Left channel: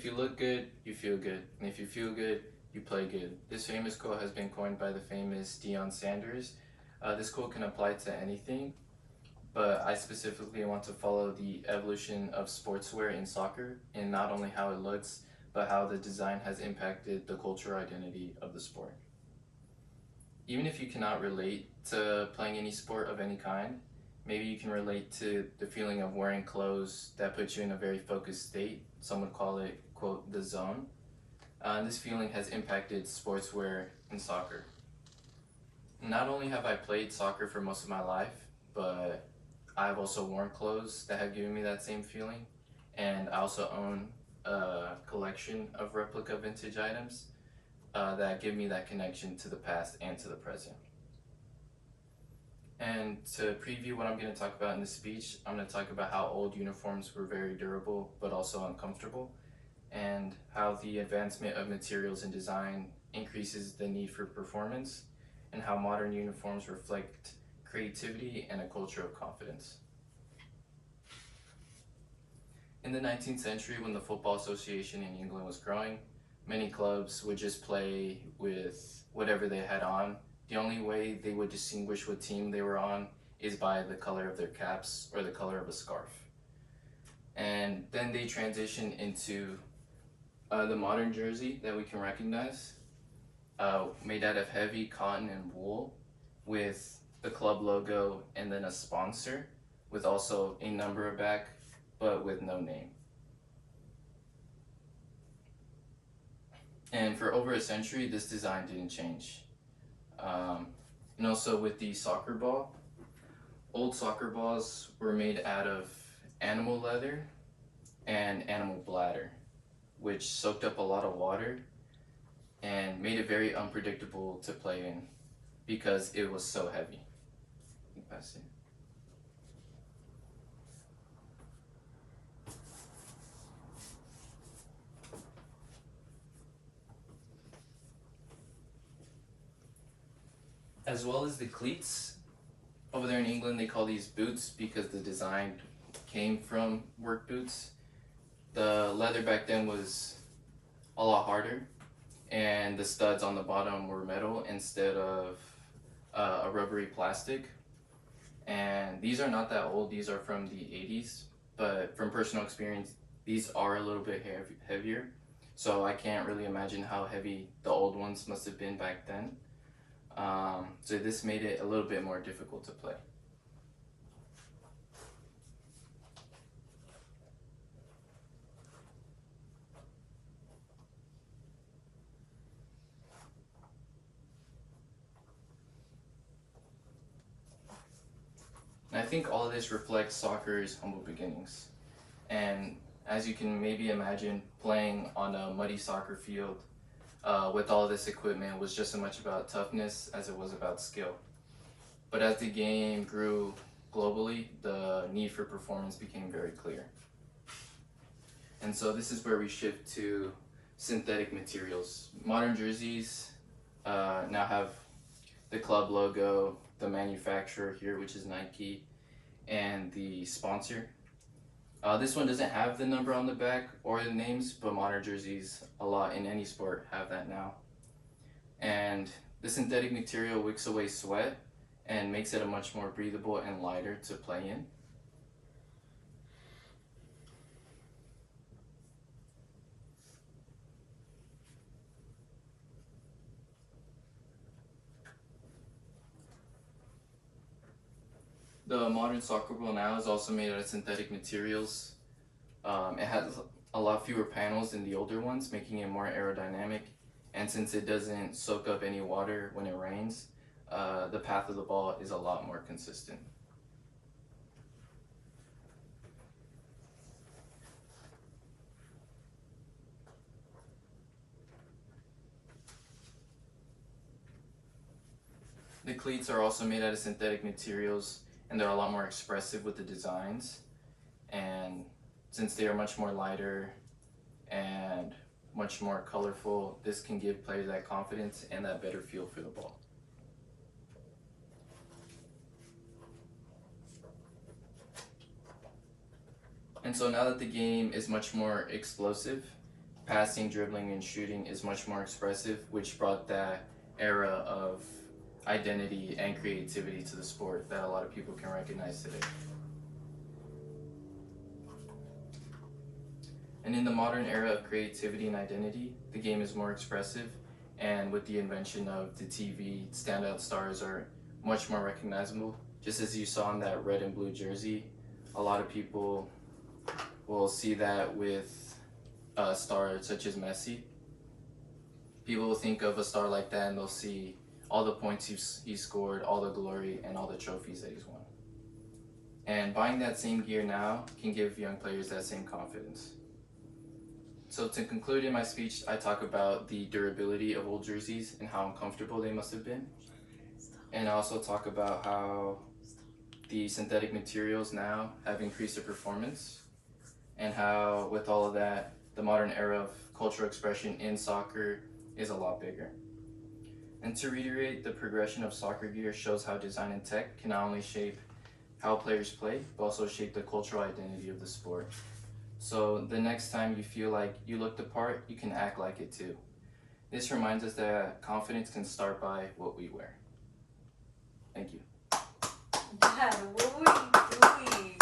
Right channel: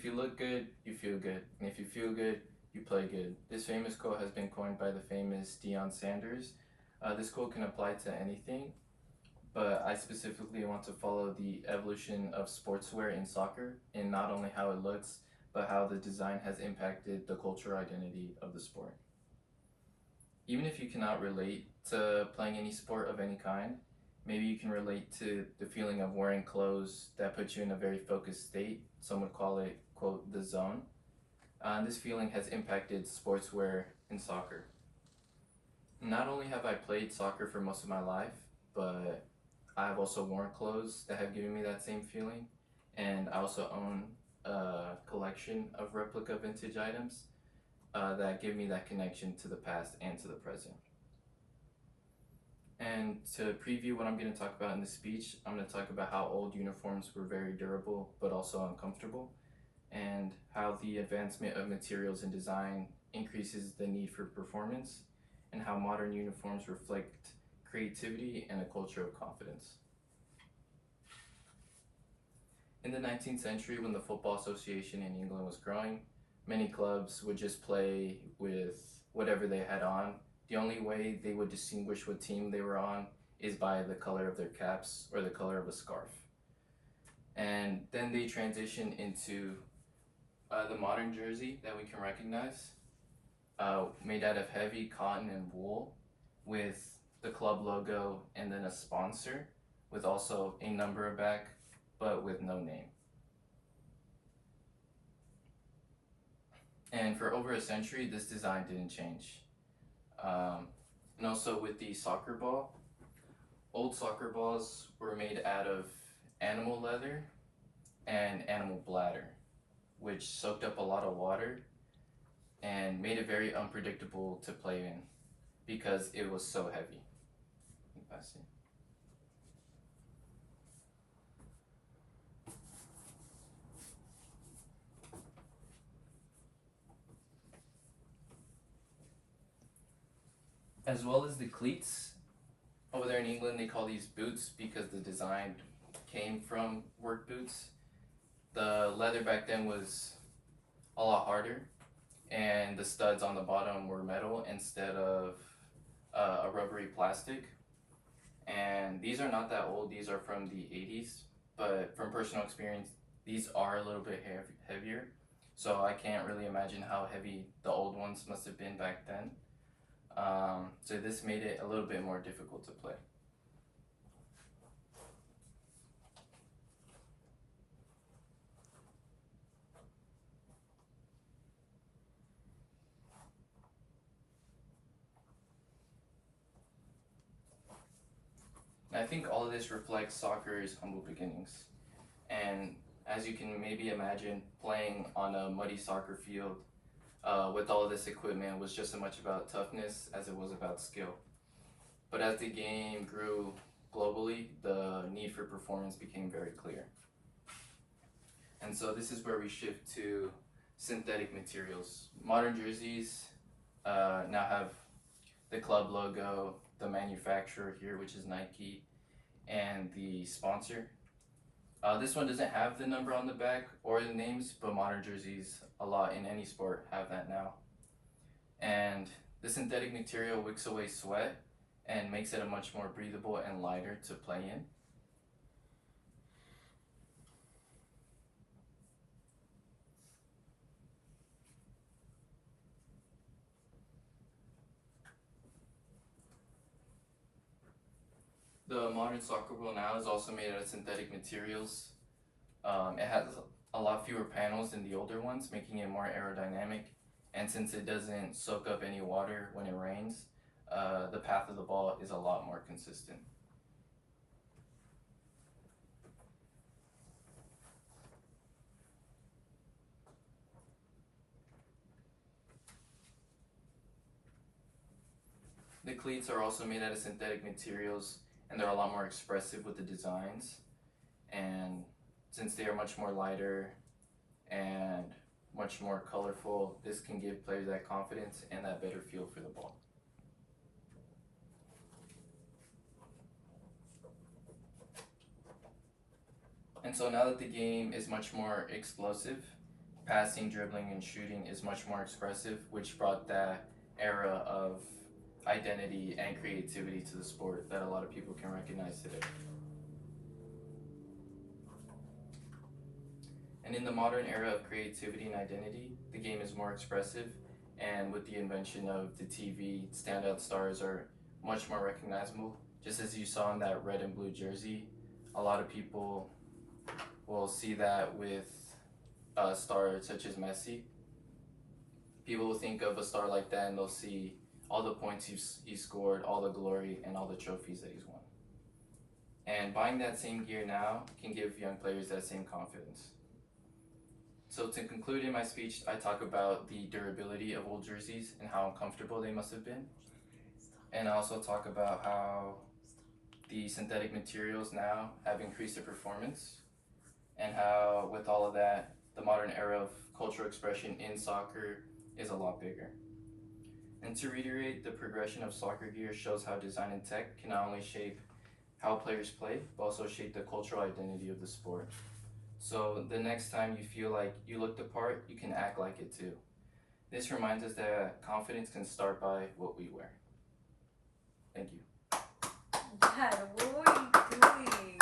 If you look good, you feel good. And if you feel good, you play good. This famous quote has been coined by the famous Deion Sanders. This quote can apply to anything, but I specifically want to follow the evolution of sportswear in soccer and not only how it looks, but how the design has impacted the cultural identity of the sport. Even if you cannot relate to playing any sport of any kind, maybe you can relate to the feeling of wearing clothes that put you in a very focused state. Some would call it, quote, the zone. This feeling has impacted sportswear in soccer. Not only have I played soccer for most of my life, but I've also worn clothes that have given me that same feeling. And I also own a collection of replica vintage items that give me that connection to the past and to the present. And to preview what I'm going to talk about in this speech, I'm going to talk about how old uniforms were very durable but also uncomfortable, and how the advancement of materials and design increases the need for performance, and how modern uniforms reflect creativity and a culture of confidence. In the 19th century, when the Football Association in England was growing, many clubs would just play with whatever they had on. The only way they would distinguish what team they were on is by the color of their caps or the color of a scarf. And then they transitioned into the modern jersey that we can recognize, made out of heavy cotton and wool with the club logo and then a sponsor with also a number back, but with no name. And for over a century, this design didn't change. And also with the soccer ball, old soccer balls were made out of animal leather and animal bladder, which soaked up a lot of water and made it very unpredictable to play in because it was so heavy. Pass it. As well as the cleats. Over there in England, they call these boots because the design came from work boots. The leather back then was a lot harder, and the studs on the bottom were metal instead of a rubbery plastic. And these are not that old, these are from the 80s, but from personal experience, these are a little bit heavier. So I can't really imagine how heavy the old ones must have been back then. So this made it a little bit more difficult to play. And I think all of this reflects soccer's humble beginnings. And as you can maybe imagine, playing on a muddy soccer field with all this equipment was just as much about toughness as it was about skill. But as the game grew globally, the need for performance became very clear. And so this is where we shift to synthetic materials. Modern jerseys now have the club logo, the manufacturer here, which is Nike, and the sponsor. This one doesn't have the number on the back or the names, but modern jerseys, a lot in any sport, have that now. And the synthetic material wicks away sweat and makes it a much more breathable and lighter to play in. The modern soccer ball now is also made out of synthetic materials. It has a lot fewer panels than the older ones, making it more aerodynamic. And since it doesn't soak up any water when it rains, the path of the ball is a lot more consistent. The cleats are also made out of synthetic materials, and they're a lot more expressive with the designs. And since they are much more lighter and much more colorful, this can give players that confidence and that better feel for the ball. And so now that the game is much more explosive, passing, dribbling, and shooting is much more expressive, which brought that era of identity and creativity to the sport that a lot of people can recognize today. And in the modern era of creativity and identity, the game is more expressive, and with the invention of the TV, standout stars are much more recognizable. Just as you saw in that red and blue jersey, a lot of people will see that with a star such as Messi. People will think of a star like that and they'll see all the points he's scored, all the glory, and all the trophies that he's won. And buying that same gear now can give young players that same confidence. So to conclude in my speech, I talk about the durability of old jerseys and how uncomfortable they must have been. And I also talk about how the synthetic materials now have increased their performance, and how with all of that, the modern era of cultural expression in soccer is a lot bigger. And to reiterate, the progression of soccer gear shows how design and tech can not only shape how players play, but also shape the cultural identity of the sport. So the next time you feel like you look the part, you can act like it too. This reminds us that confidence can start by what we wear. Thank you. Dad, what were you doing?